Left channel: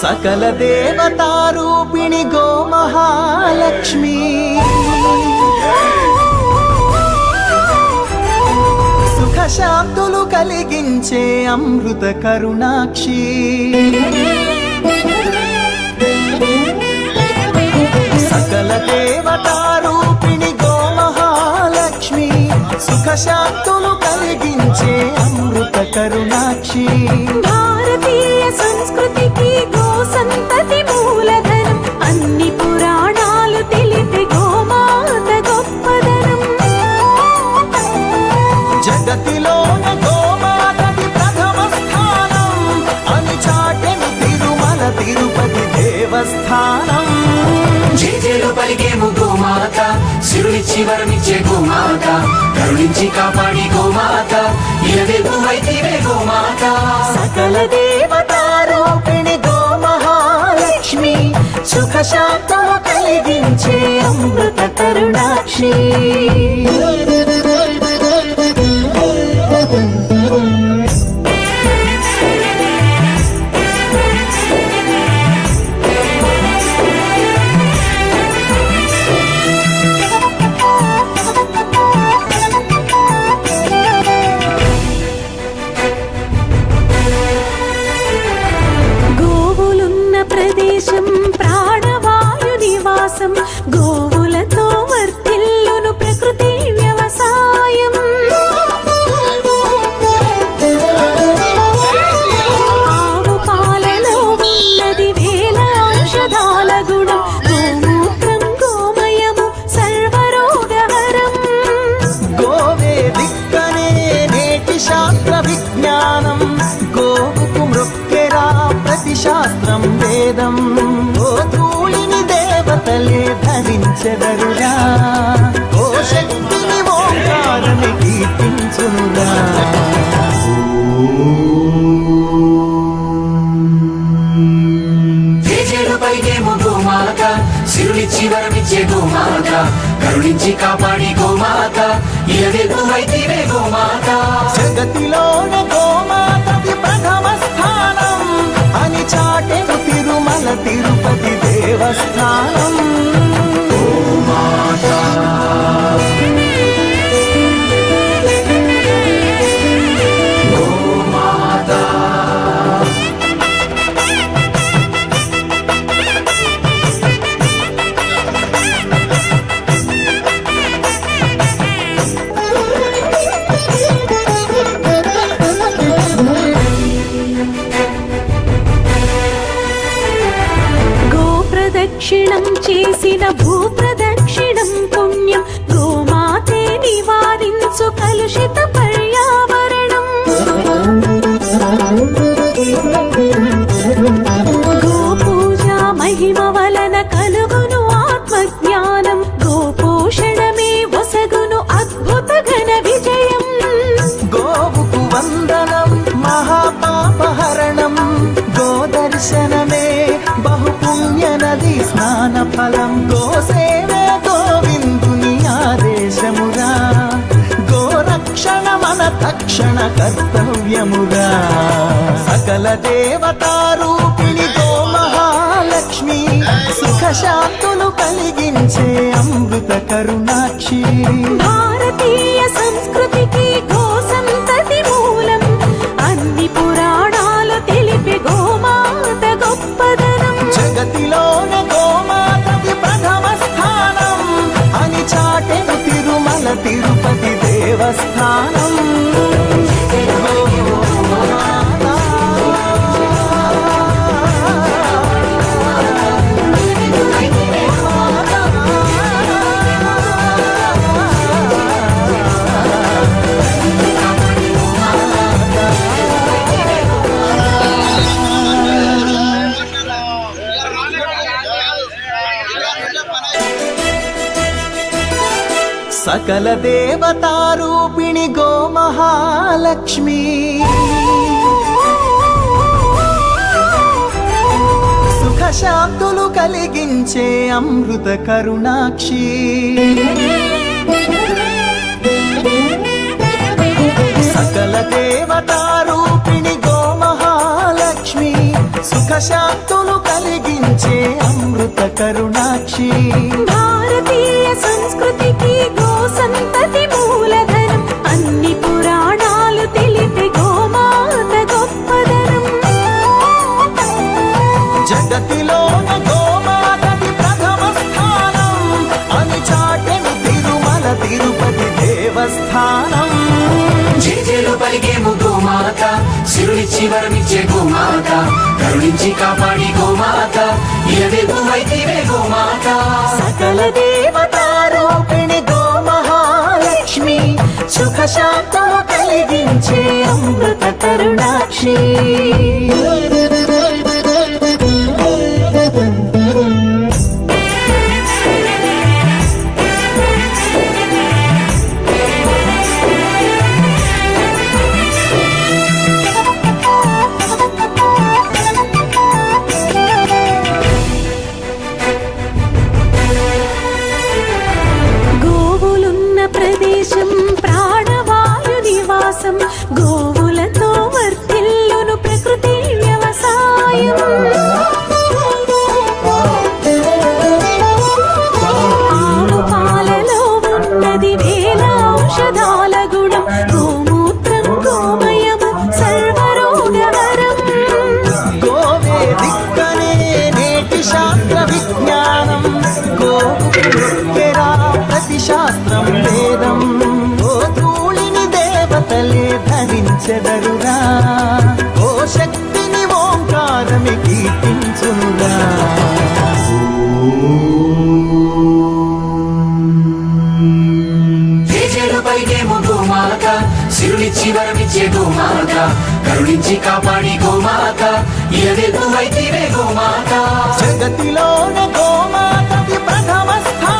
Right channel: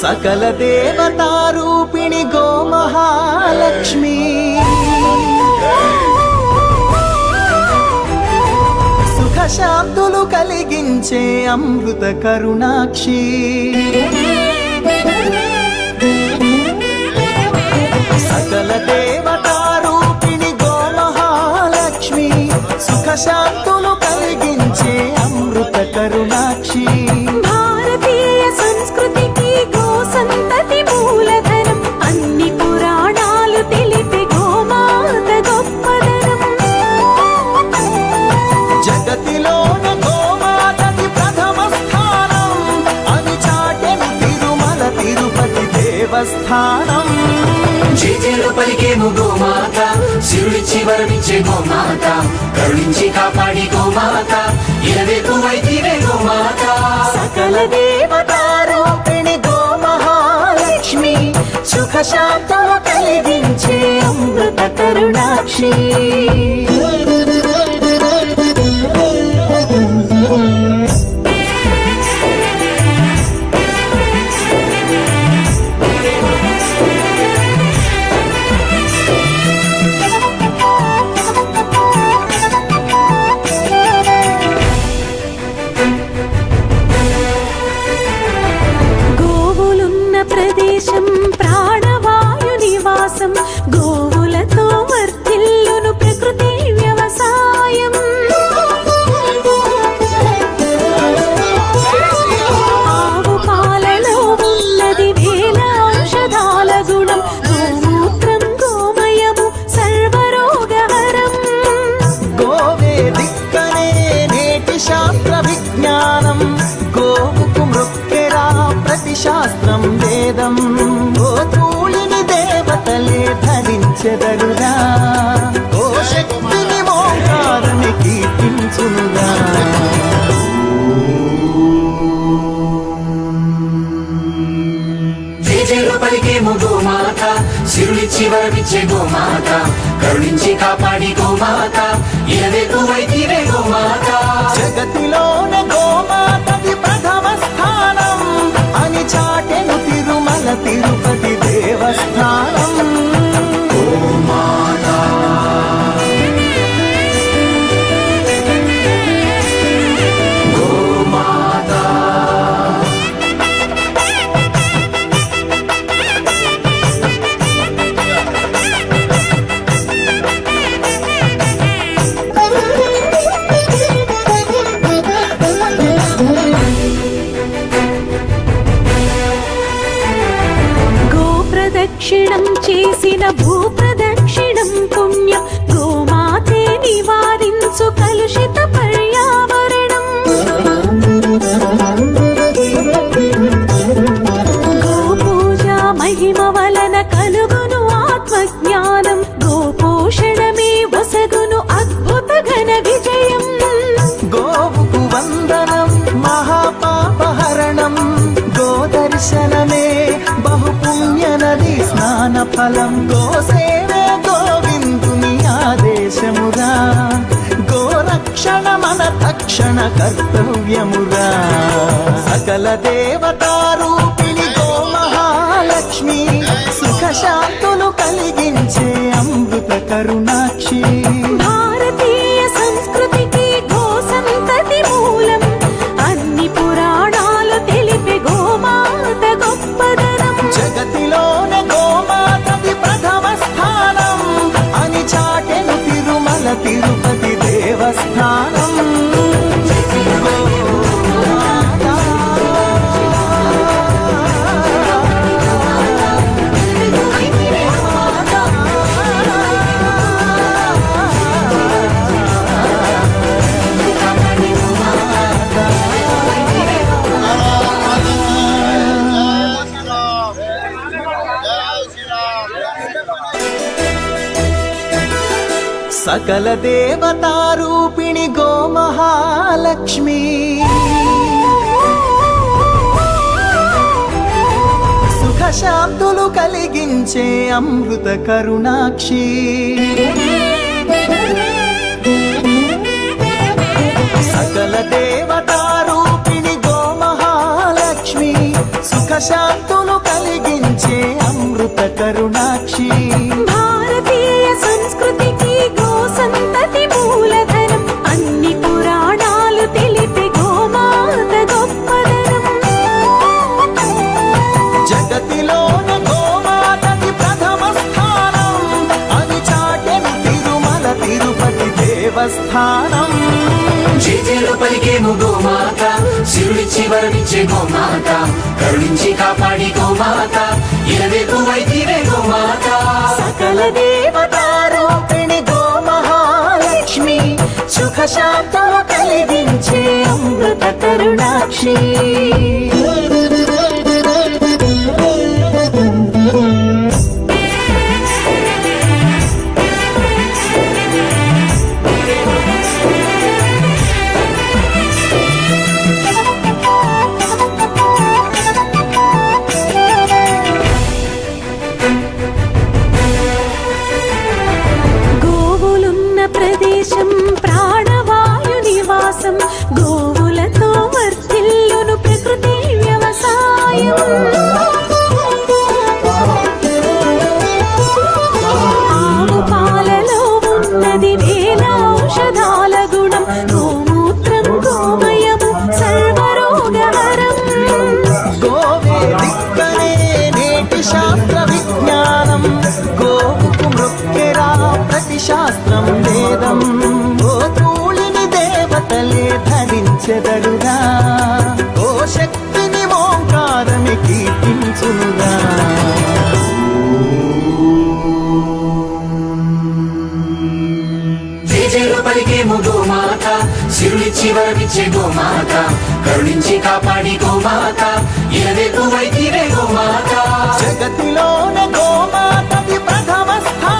సకల దేవతారూపిణి గోమహాలక్ష్మి సుఖ శాంతులు కలిగించే అమృత కరుణాక్షి సకల దేవతారూపిణి గోమహాలక్ష్మి సుఖ శాంతులు కలిగించే అమృత కరుణాక్షి భారతీయ సంస్కృతికి గో సంతతి మూలధనం అన్ని పురాణాలు తెలిపే గోమాత గొప్పదనం జగతిలోన గోమాతది ప్రథమ స్థానం అని చాటెను తిరుమల తిరుపతి దేవస్థానం జేజేలు పలికేము గోమాత సిరులిచ్చి వరమిచ్చే గోమాత కరుణించి కాపాడి గోమాత ఇలవేలు అయితివే గోమాత సకల దేవతారూపిణి గోమహాలక్ష్మి సుఖ శాంతము కలిగించే అమృత కరుణాక్షి గోవులున్న ప్రదేశం ప్రాణవాయు నివాసం గోవులతో వర్ధిల్లును ప్రకృతి వ్యవసాయం ఆవు పాలలో ఉన్నది వేల ఔషధాల గుణం గోమూత్రం గోమయము సర్వరోగహరం గోవే దిక్కనే నేటి శాస్త్ర విజ్ఞానం గోవుకు మృక్కెరా ప్రతి శాస్త్రం వేదం గోధూళిని దేవతలే ధరించెదరురా గోశక్తిని ఓంకారని కీర్తించునురా జేజేలు పలికేము గోమాత సిరులిచ్చి వరమిచ్చే గోమాత కరుణించి కాపాడి గోమాత ఇలవేలు అయితివే గోమాత జగతిలోన గోమాతది ప్రథమ స్థానం అని చాటెను తిరుమల తిరుపతి దేవస్థానం ప్రదక్షిణం చేసిన భూప్రదక్షిణం పుణ్యం గోమాతే నివారించు కలుషిత పర్యావరణం గోపూజ మహిమ వలన కలుగును ఆత్మజ్ఞానం గోపోషణమే వసగును అద్భుత ఘన విజయం గోవుకు వందనం మహాపాపహరణం గోదర్శనమే బహుపుణ్య నది స్నాన ఫలం గోసేవే గోవిందుని ఆదేశమురా గోరక్షణ మన తక్షణ కర్తవ్యమురా సకల దేవతారూపిణి గోమహాలక్ష్మి సుఖ శాంతులు కలిగించే అమృత కరుణాక్షి భారతీయ సంస్కృతికి గో సంతతి మూలం అన్ని పురాణాలు తెలిపే గోమాత గొప్పదనం జగతిలోన గోమాతది ప్రథమ స్థానం అని చాటెను తిరుమల తిరుపతి దేవస్థానం గోమాత సకల దేవతారూపిణి గోమహాలక్ష్మి సుఖ శాంతులు కలిగించే అమృత కరుణాక్షి సకల దేవతారూపిణి గోమహాలక్ష్మి సుఖ శాంతులు కలిగించే అమృత కరుణాక్షి భారతీయ సంస్కృతికి గో సంతతి మూలధనం అన్ని పురాణాలు తెలిపే గోమాత గొప్పదనం జగతిలోన గోమాతది ప్రథమ స్థానం అని చాటెను తిరుమల తిరుపతి దేవస్థానం జేజేలు పలికేము గోమాత సిరులిచ్చి వరమిచ్చే గోమాత కరుణించి కాపాడి గోమాత ఇలవెల్పు వైతివే గోమాత సకల దేవతారూపిణి గోమహాలక్ష్మి సుఖ శాంతులు కలిగించే అమృత కరుణాక్షి గోవులున్న ప్రదేశం ప్రాణవాయు నివాసం గోవులతో వర్ధిల్లును ప్రకృతి వ్యవసాయం ఆవు పాలలో ఉన్నది వేల ఔషధాల గుణం గోమూత్రం గోమయము సర్వరోగహరం గోవే దిక్కనే నేటి శాస్త్ర విజ్ఞానం గోవుకు మృక్కెరా ప్రతి శాస్త్రం వేదం ఓ ధూళిని దేవతలే ధరించెదరురా ఓ శక్తిని ఓంకారమి కీర్తించునురా జేజేలు పలికేము గోమాత సిరులిచ్చి వరమిచ్చే గోమాత కరుణించి కాపాడి గోమాత ఇలవెల్పు వైతివే గోమాత జగతిలోన గోమాతది ప్రథమ స్థానం